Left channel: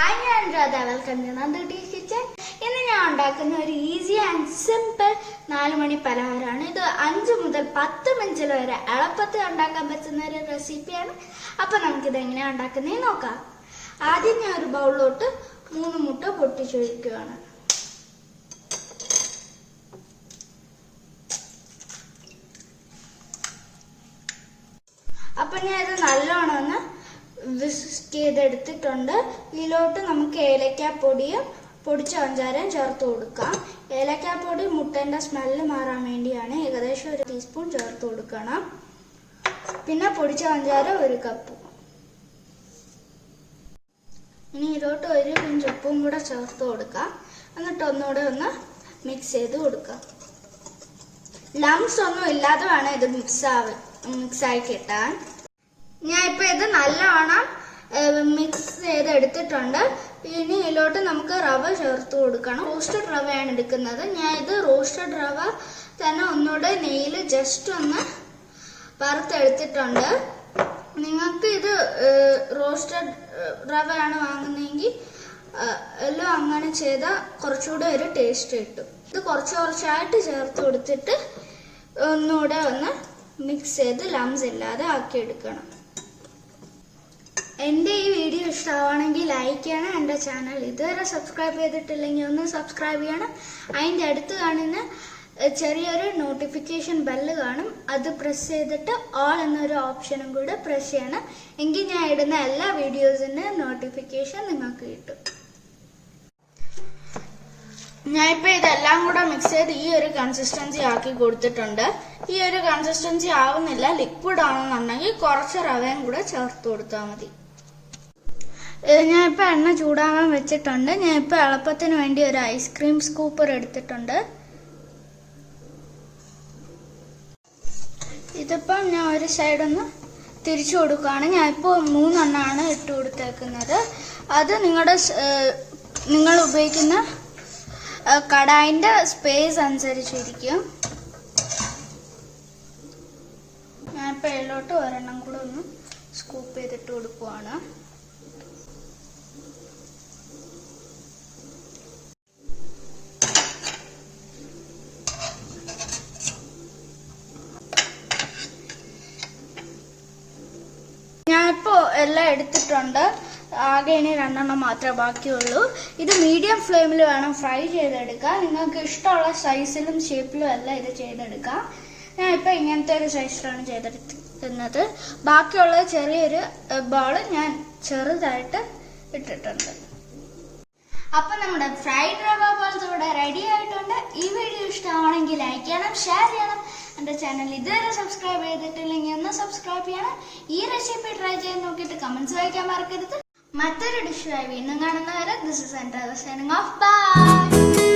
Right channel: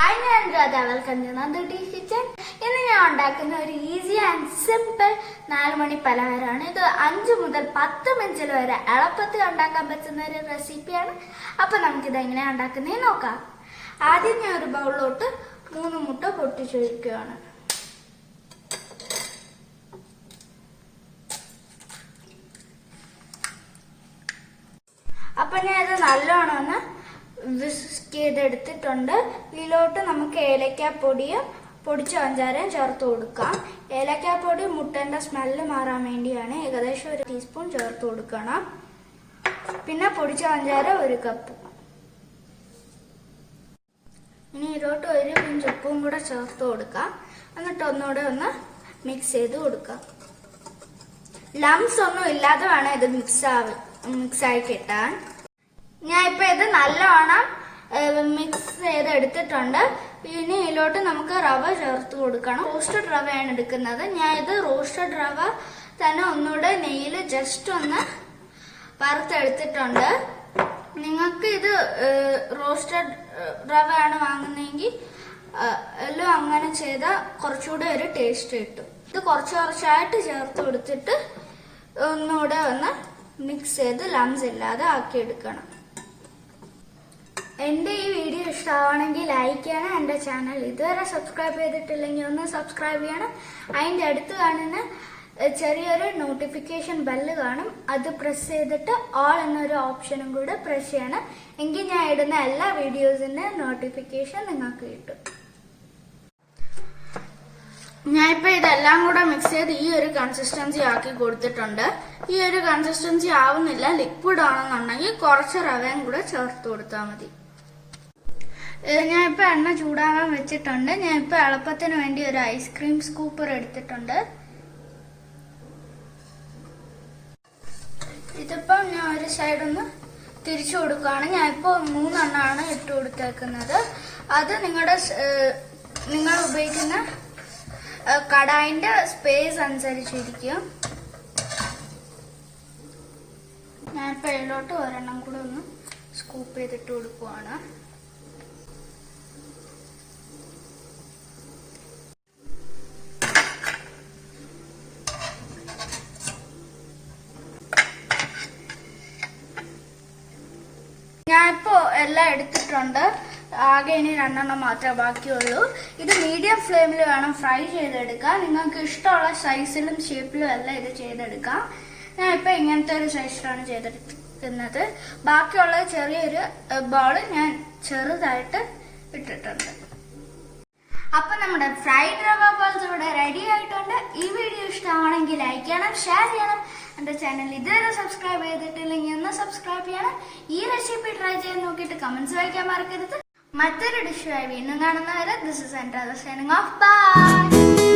Hi, I am Radha. Welcome to another Dish Kitchen. ഇന്ന് ഞാൻ ഉണ്ടാക്കുന്ന ഒരു ഈസി ആൻഡ് സിമ്പിൾ 4 മണി പലഹാരമാണ്. ഇത് 5 മുതൽ 10 മിനിറ്റിൽ വരെ എളുപ്പത്തിൽ ഉണ്ടാക്കാൻ പറ്റുന്ന ഒരു റെസിപ്പിയാണ്. അപ്പൊ നമുക്കിത് എങ്ങനെയാണ് ഉണ്ടാക്കുന്നതെന്ന് നോക്കാം. ആദ്യം ഞാൻ ഒരു ബൗളിലോട്ട് 3 മുട്ട പൊട്ടിച്ചൊഴിക്കുകയാണ്. അപ്പൊ ഞാൻ ഇത് നല്ലോണം ഒന്ന് വിസ്ക് ചെയ്തെടുത്തിട്ടുണ്ട്. ഇതിലോട്ട് നമുക്ക് ഏലക്കാപ്പൊടിയും പൊടിച്ച പഞ്ചാരയും ചേർത്ത് കൊടുക്കാം. ഏലക്കാപ്പൊടി മുട്ടേന്റെ സ്മെല്ല് മാറാൻ വേണ്ടിയാണ്. ഏകദേശം 1 ടീസ്പൂൺ ചേർത്ത് കൊടുക്കണം. പിന്നെ പൊടിച്ച പഞ്ചാര 1 കപ്പ്. ഇനി ഇതിലോട്ട് 1 പിഞ്ച് ഉപ്പും കൂടെ ചേർത്ത് കൊടുക്കാം. എന്നിട്ട് ഒന്നുകൂടെ ഒന്ന് മിക്സ് ചെയ്ത് കൊടുക്കാം. ലംസ് ഒന്നും ഇല്ലാതെ വേണം ഇത് മിക്സായി കിട്ടാൻ. ഞാൻ ഇപ്പൊ ഇത് നല്ലോണം മിക്സ് ചെയ്തെടുത്തിട്ടുണ്ട്. ഇനി ഇതിലോട്ട് നമുക്ക് റവ ചേർത്ത് കൊടുക്കണം. റോസ്റ്റഡ് റവയാണ് എടുക്കുന്നത്. ഞാൻ ഇത് റോസ്റ്റഡ് റവ തന്നെ ഒന്നുകൂടെ നെയ്യിൽ ജസ്റ്റ് ഒന്ന് വറുത്തെടുത്തിട്ടുണ്ട്. നിങ്ങൾക്ക് ഇത് റോസ്റ്റഡ് റവയാണ് വാങ്ങുന്നതെങ്കിൽ എല്ലാം അങ്ങനെ ചെയ്താൽ കുറച്ചുകൂടെ ഒരു ടേസ്റ്റ് കിട്ടും. ഇത് കുറച്ചായിട്ട് ചേർത്ത് കൊടുത്തിട്ട് ഒന്നുകൂടെ ഒന്ന് മിക്സ് ചെയ്ത് ലംസ് ഇല്ലാതെ ആക്കിയെടുക്കണം. എൻ്റെ ഈ വീഡിയോ ഇഷ്ടമാണെങ്കിൽ ലൈക്ക് ചെയ്യണം. എൻ്റെ ചാനൽ ഇതുവരെ സബ്സ്ക്രൈബ് ചെയ്തിട്ടില്ലെങ്കിൽ ഒന്ന് സബ്സ്ക്രൈബ് ചെയ്യണം. അതിൻ്റെ അടുത്ത് കാണുന്ന ചെറിയൊരു നോട്ടിഫിക്കേഷൻ ബെല്ല് കാണും. അത് പ്രസ് ചെയ്തിട്ട് ഓൾ എന്നൊരു ഓപ്ഷനും കൂടെ പ്രസ് ചെയ്യണം. എങ്കിൽ ഞാൻ ഇടുന്ന എല്ലാ വീഡിയോസിൻ്റെ നോട്ടിഫിക്കേഷൻ നിങ്ങൾക്ക് കിട്ടും. ഞാനിപ്പോൾ ഇതെല്ലാം കൂടെ മിക്സ് ചെയ്ത് ഈ ഒരു കൺസിസ്റ്റൻസി ആക്കി കൊടുത്തിട്ടുണ്ട്. ഈ ഒരു കൺസിസ്റ്റൻസി ആവുന്നില്ല, ലിക്വിഡ് ആണെന്നുണ്ടെങ്കിൽ കുറച്ച് റവയും കൂടെ ചേർത്ത് കൊടുത്താൽ മതി. ഞാനിപ്പോൾ എണ്ണ ചൂടാകാൻ വെച്ചിട്ടുണ്ട്. ഞാനിപ്പോൾ എളുപ്പത്തിന് വേണ്ടി ഒരു ഐസ്ക്രീം സ്കൂപ്പർ എടുത്തിട്ടുണ്ട്. ഇതിപ്പം ഞാൻ ഒരു സൈഡൊന്ന് തിരിച്ചു കൊടുക്കുകയാണ്. ഞാനിപ്പോൾ 3 എണ്ണമാണ് ഇട്ട് കൊടുത്തേക്കുന്നത്. അത് നിങ്ങൾ ഉപയോഗിക്കുന്ന കടായിന്റെ സ്പേസ് അനുസരിച്ചിരിക്കും. ഞാൻ ഇപ്പൊ ഇതിലോട്ട് ഒരെണ്ണം കൂടെ ഒന്ന് സ്കൂപ്പ് ചെയ്തിട്ട് കൊടുക്കുവാണ്. ഞാനിപ്പോ എല്ലാം എടുത്തിട്ടുണ്ട്. ആകെ ഇനി 2 എണ്ണം മാത്രമേ ബാക്കിയുള്ളൂ. ഇത് മീഡിയം ഫ്ലെയിമിൽ വേണം ഫ്രൈ ചെയ്തെടുക്കാൻ. നിങ്ങൾക്ക് ഇഷ്ടമുള്ള സൈസിലും ഷേപ്പിലും എല്ലാം ഇത് ചെയ്തെടുക്കാം. ഞാൻ ഇപ്പൊ ഇങ്ങനത്തെ ഒരു സൈസിലാണ് ചെയ്തെടുക്കുന്നത്. ബാക്കിയുള്ള ചെറിയൊരു ബോള് ഞാൻ ചെറുതായിട്ട് ഇട്ടിട്ടുണ്ട്. അപ്പൊ നമ്മുടെ ഫ്രൈഡ് റവ ബോൾസ് ഇവിടെ റെഡി ആയിട്ടുണ്ട്. ഈ വീഡിയോ ഇഷ്ടമാണെങ്കിൽ ലൈക്ക് ചെയ്യണം, ഷെയർ ചെയ്യണം. എന്റെ ചാനൽ ഇതുവരെ സബ്സ്ക്രൈബ് ചെയ്തിട്ടില്ലെങ്കിൽ ഒന്ന് സബ്സ്ക്രൈബ് ചെയ്യണം. ഈ റെസിപ്പി ട്രൈ ചെയ്ത് നോക്കിയിട്ട് കമന്റ്സ് വായിക്കാൻ മറക്കരുത്. മറ്റൊരു ഡിഷുമായി വീണ്ടും കാണുന്നവരെ this is Andra signing off. By.